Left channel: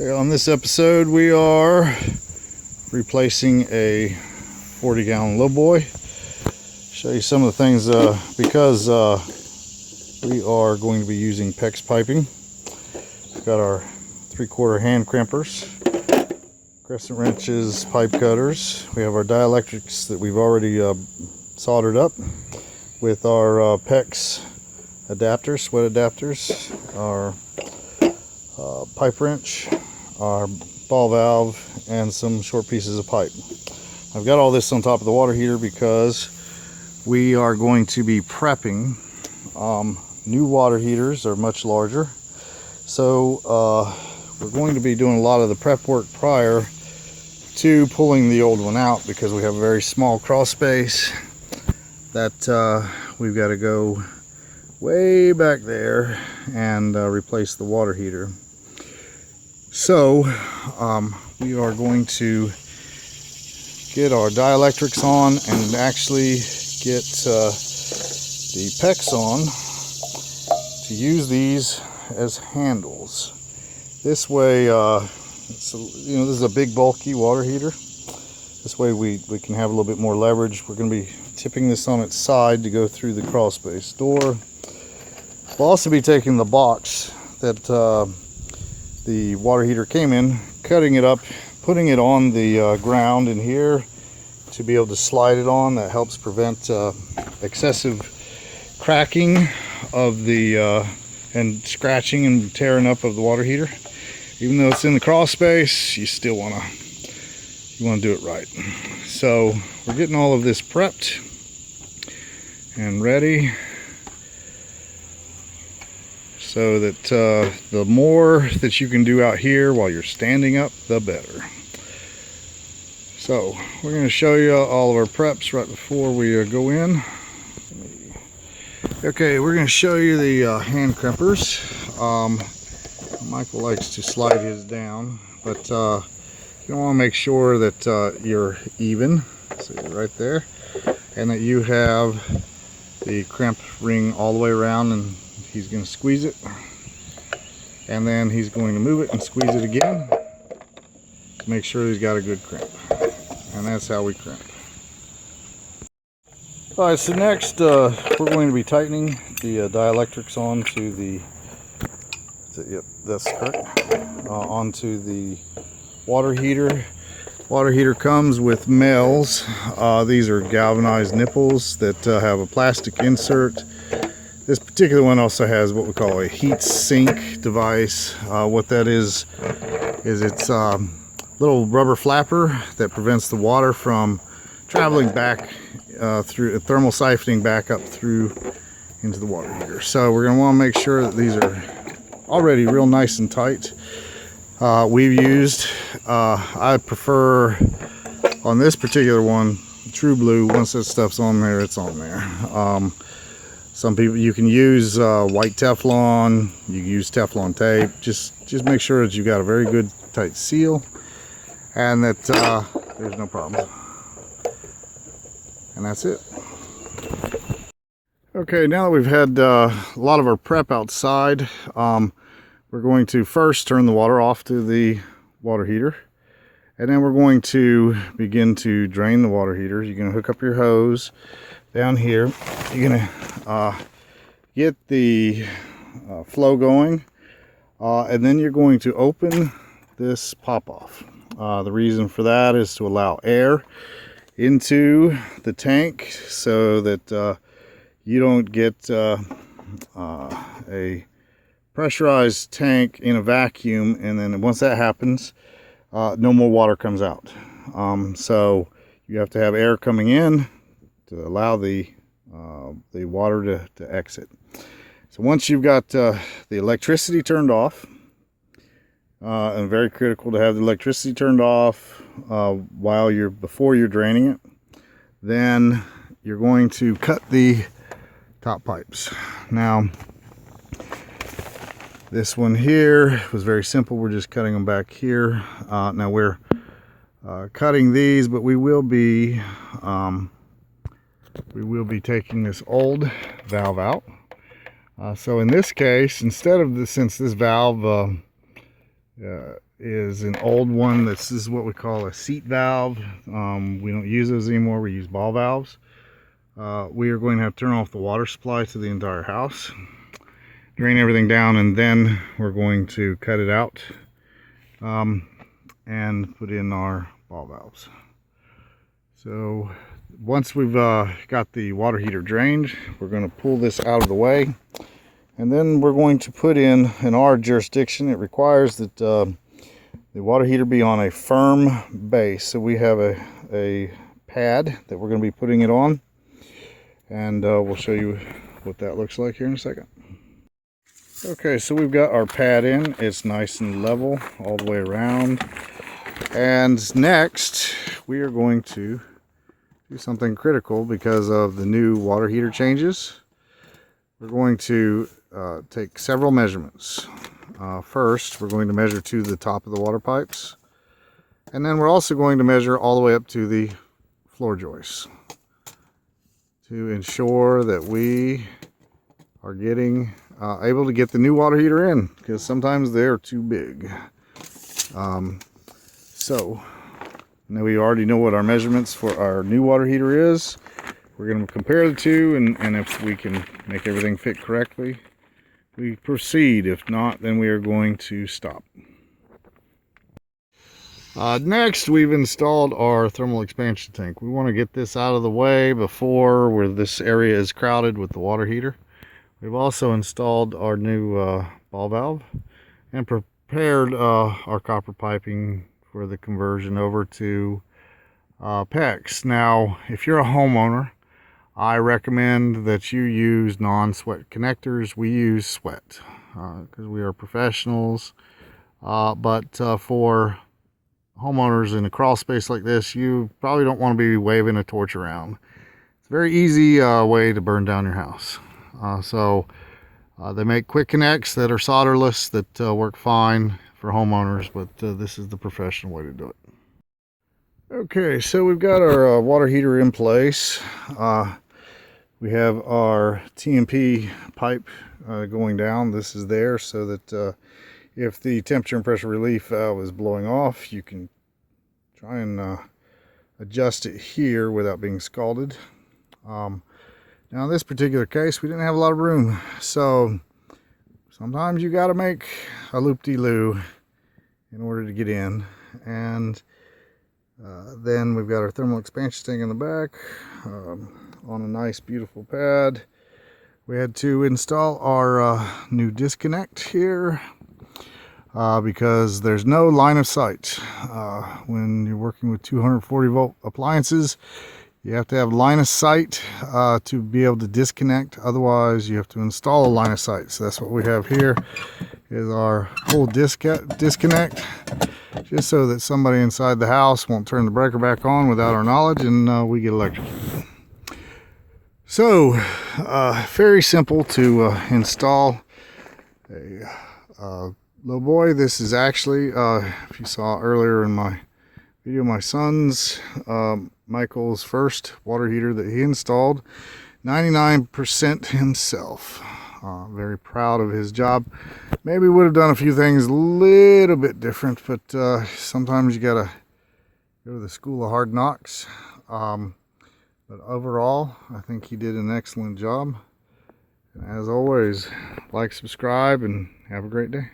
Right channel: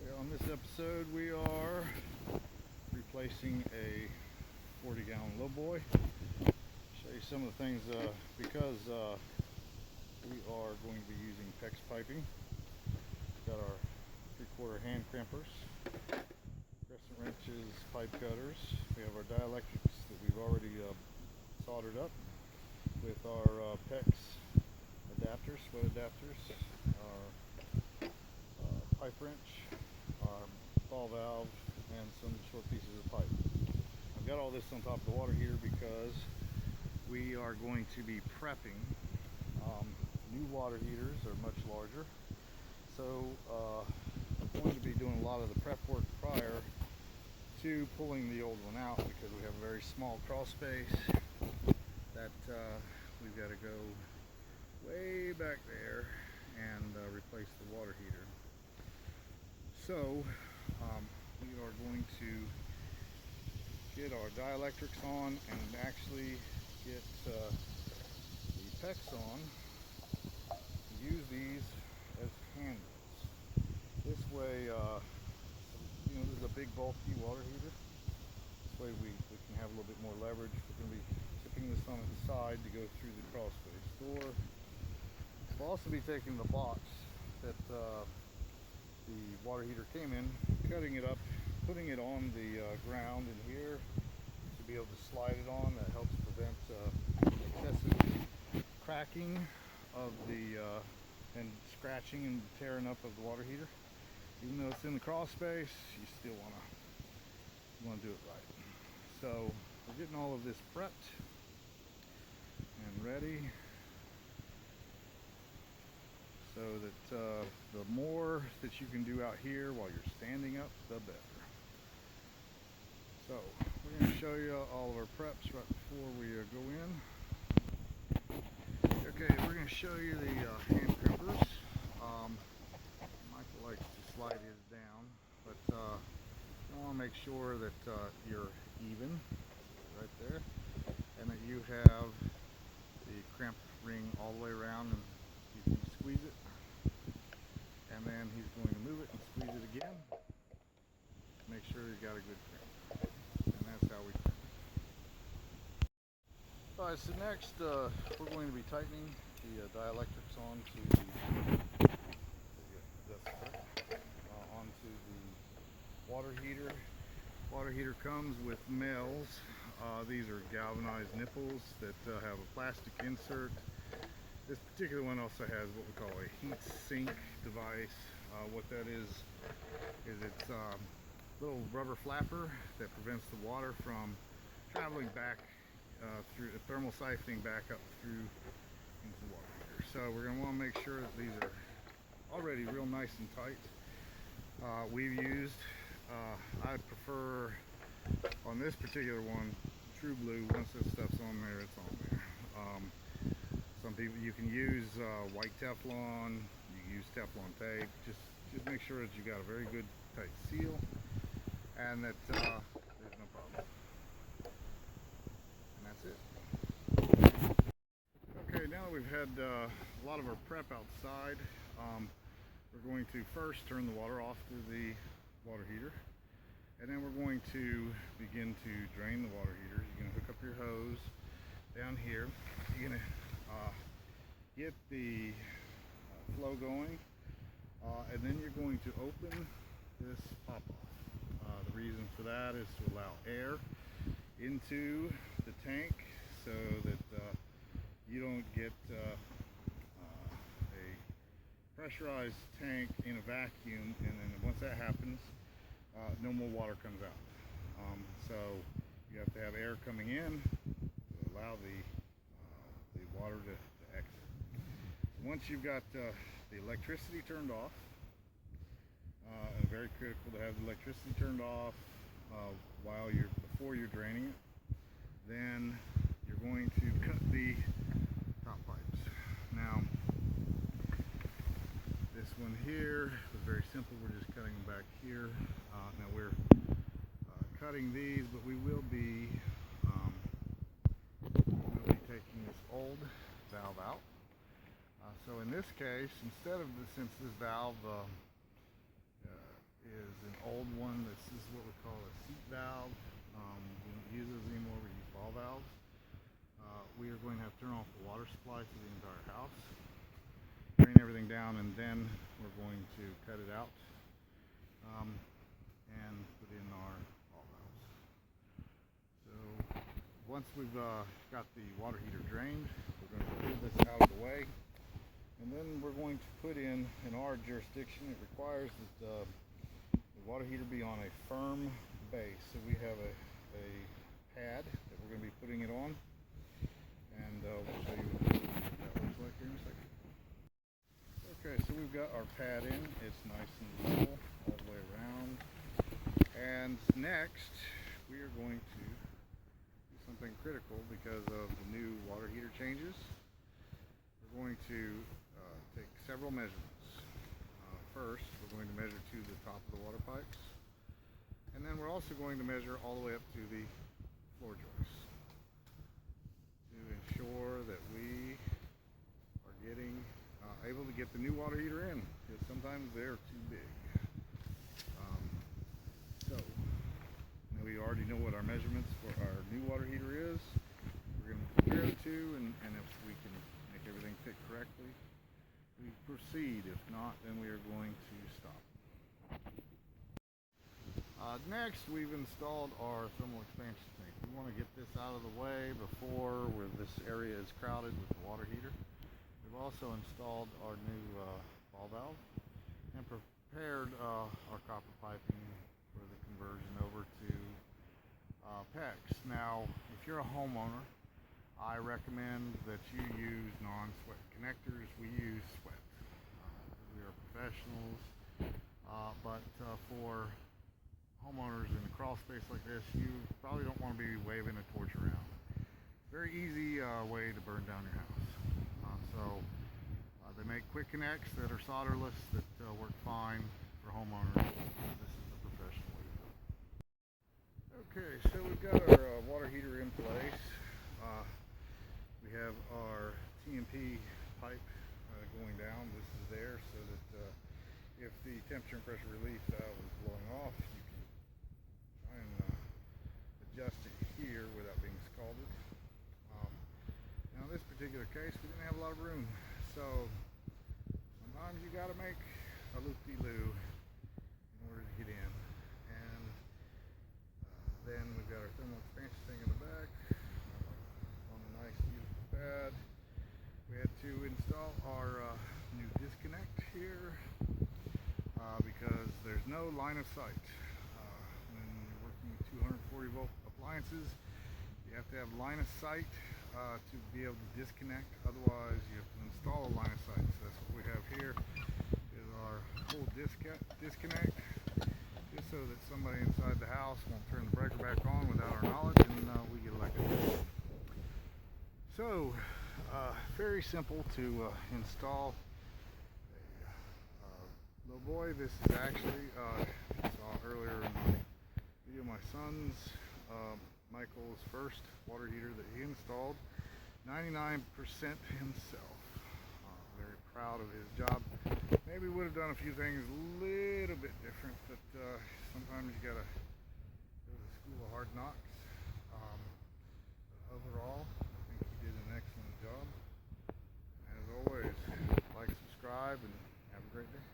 Okay, on this episode we are replacing a 40-gallon lowboy. Show you some of the things because we are going to be using PEX piping. We've got our 3/4 hand crimpers, crescent wrenches, pipe cutters. We have our dielectrics that we've already soldered up with our PEX adapters, sweat adapters, our pipe wrench, our ball valve, and some short pieces of pipe. I've got all this on top of the water heater because we are going to be prepping. New water heaters are much larger, so we're going to be doing a lot of the prep work prior to pulling the old one out, because we have a very small crawl space that we've got to go way back there and replace the water heater. So we are going to get our dielectrics on and actually get the PEX on to use these as handles. This way, this is a big bulky water heater. This way we can have a little bit more leverage. We're going to be tipping this on its side to go through the crawl space door. We'll also be taking the box that the water heater came in, cutting it up, putting it on the ground in here to be able to slide it on. That helps prevent excessive cracking of the and scratching and tearing up of the water heater. Even though it's in the crawl space, you still want to do it right. So we're getting all of this prepped and ready, so that the more that you can do out here while you're standing up, the better. So we're going to show you all of our preps right before we go in. Okay, we're going to show you the hand crimpers. Michael likes to slide his down, but you want to make sure that you're even, so you're right there, and that you have the crimp ring all the way around, and he's going to squeeze it, and then he's going to move it and squeeze it again to make sure he's got a good crimp. And that's how we crimp. Alright, so next we're going to be tightening the dielectrics onto the, yep, that's correct, onto the water heater. Water heater comes with males. These are galvanized nipples that have a plastic insert. This particular one also has what we call a heat sink device. What that is it's a little rubber flapper that prevents the water from traveling back through thermal siphoning back up through into the water heater. So we're going to want to make sure that these are already real nice and tight. We've used, I prefer on this particular one, True Blue. Once that stuff's on there, it's on there. Some people, you can use white Teflon, you can use Teflon tape. Just make sure that you got a very good tight seal and that there's no problem. And that's it. Okay, now that we've had a lot of our prep outside, we're going to first turn the water off to the water heater, and then we're going to begin to drain the water heater. You're going to hook up your hose down here. You're going to get the flow going, and then you're going to open this pop-off. The reason for that is to allow air into the tank so that you don't get a pressurized tank in a vacuum, and then once that happens, no more water comes out. So you have to have air coming in to allow the water to exit. So once you've got the electricity turned off, and very critical to have the electricity turned off before you're draining it, then you're going to cut the top pipes. Now this one here was very simple. We're just cutting them back here. Now we're cutting these, but we will be taking this old valve out. So in this case, instead of since this valve is an old one. This is what we call a seat valve. We don't use those anymore. We use ball valves. We are going to have to turn off the water supply to the entire house, drain everything down, and then we're going to cut it out and put in our ball valves. So once we've got the water heater drained, we're going to pull this out of the way, and then we're going to put in our jurisdiction, it requires that the water heater be on a firm base. So we have a pad that we're going to be putting it on, and we'll show you what that looks like here in a second. Okay, so we've got our pad in. It's nice and level all the way around. And next, we are going to do something critical because of the new water heater changes. We're going to take several measurements. First, we're going to measure to the top of the water pipes. And then we're also going to measure all the way up to the floor joists to ensure that we are getting able to get the new water heater in, because sometimes they're too big. So now we already know what our measurements for our new water heater is. We're going to compare the two, and if we can make everything fit correctly, we proceed. If not, then we are going to stop. Next, we've installed our thermal expansion tank. We want to get this out of the way before where this area is crowded with the water heater. We've also installed our new ball valve and prepared our copper piping for the conversion over to PEX. Now, if you're a homeowner, I recommend that you use non-sweat connectors. We use sweat because we are professionals, but for homeowners in a crawl space like this, you probably don't want to be waving a torch around. It's a very easy way to burn down your house. They make quick connects that are solderless that work fine for homeowners, but this is the professional way to do it. Okay, so we've got our water heater in place. We have our TMP pipe going down. This is there so that if the temperature and pressure relief valve is blowing off, you can try and adjust it here without being scalded. Now in this particular case, we didn't have a lot of room, so sometimes you got to make a loop-de-loo in order to get in. And then we've got our thermal expansion tank in the back on a nice beautiful pad. We had to install our new disconnect here because there's no line of sight. When you're working with 240 volt appliances, you have to have line of sight to be able to disconnect. Otherwise, you have to install a line of sight. So that's what we have here, is our full disconnect, just so that somebody inside the house won't turn the breaker back on without our knowledge, and we get electrocuted. So, very simple to install a low boy. This is actually, if you saw earlier in my video, my son's Michael's first water heater that he installed, 99% himself. Very proud of his job. Maybe would have done a few things a little bit different, but sometimes you gotta go to the school of hard knocks. But overall, I think he did an excellent job. And as always, like, subscribe, and have a great day.